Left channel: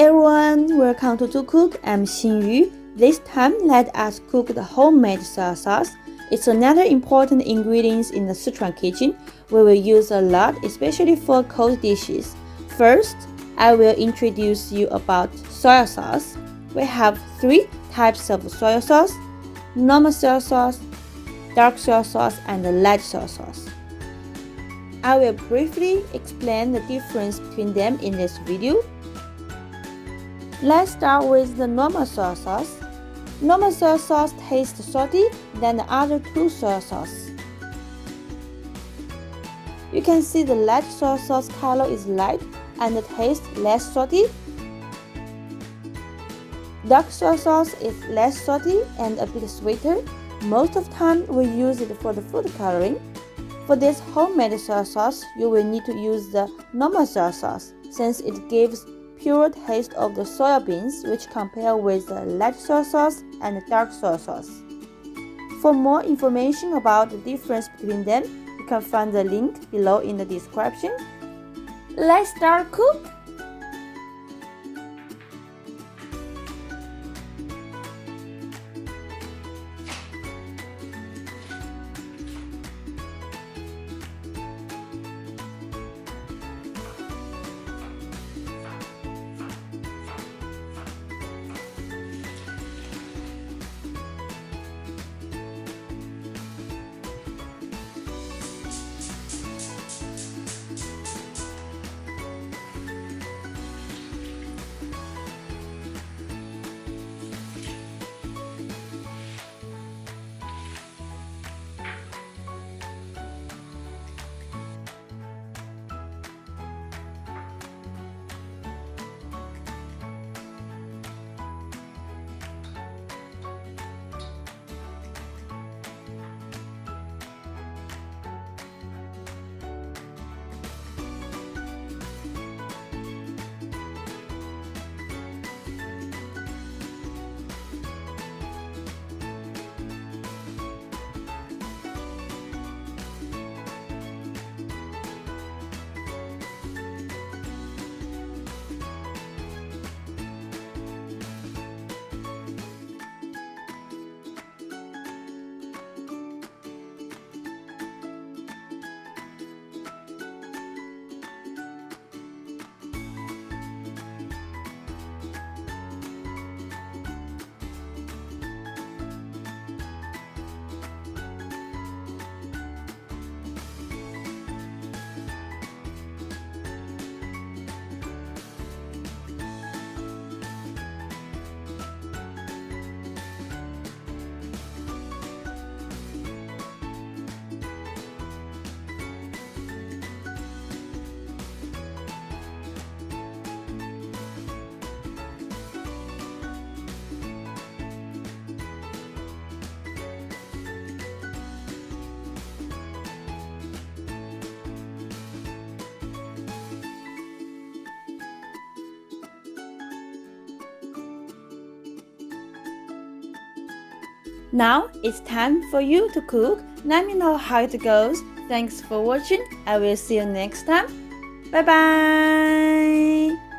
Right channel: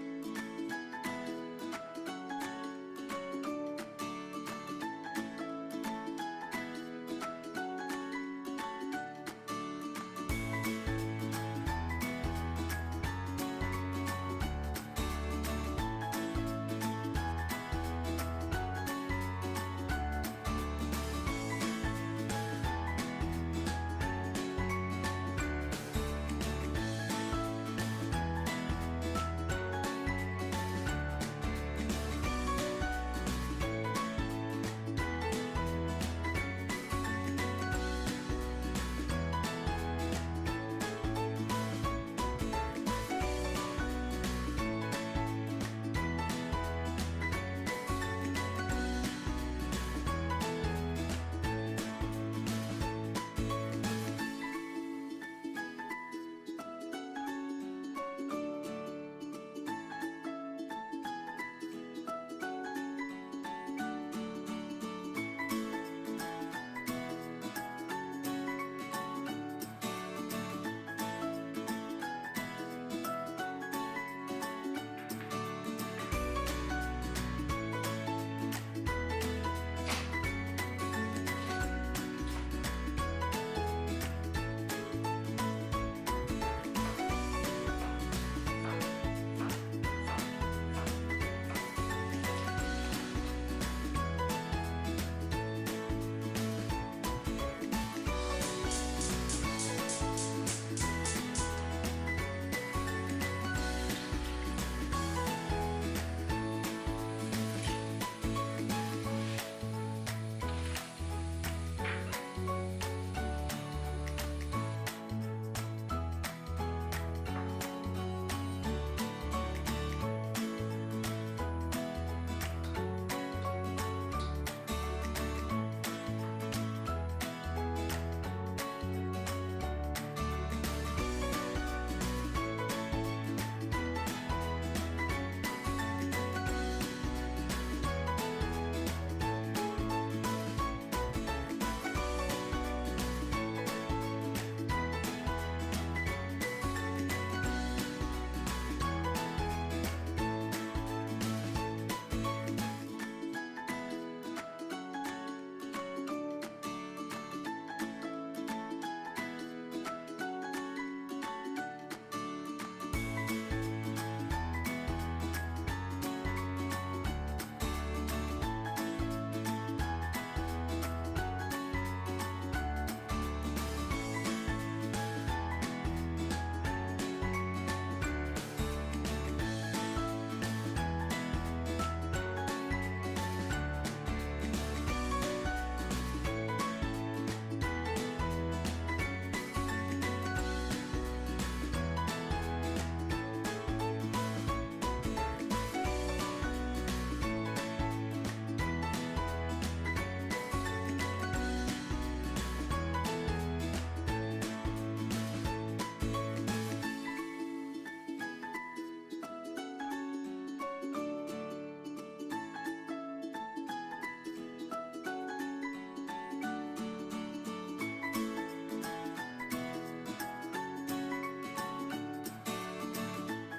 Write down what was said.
everyone, welcome to Cook. I'm Xinyu. This time, let us cook the homemade soy sauce. It's another important ingredient in the Sichuan kitchen. We will use a lot, especially for cold dishes. First, I will introduce you about soy sauce. We have three types of soy sauce: normal soy sauce, dark soy sauce, and light soy sauce. I will briefly explain the difference between them in this video. Let's start with the normal soy sauce. Normal soy sauce tastes salty than the other two soy sauces. You can see the light soy sauce color is light and the taste less salty. Dark soy sauce is less salty and a bit sweeter. Most of the time we use it for the food coloring. For this homemade soy sauce, you will need to use the normal soy sauce since it gives pure taste of the soya beans, which compare with the light soy sauce and dark soy sauce. For more information about the difference between them, you can find the link below in the description. Let's start cook. Now it's time for you to cook. Let me know how it goes. Thanks for watching. I will see you next time. Bye bye.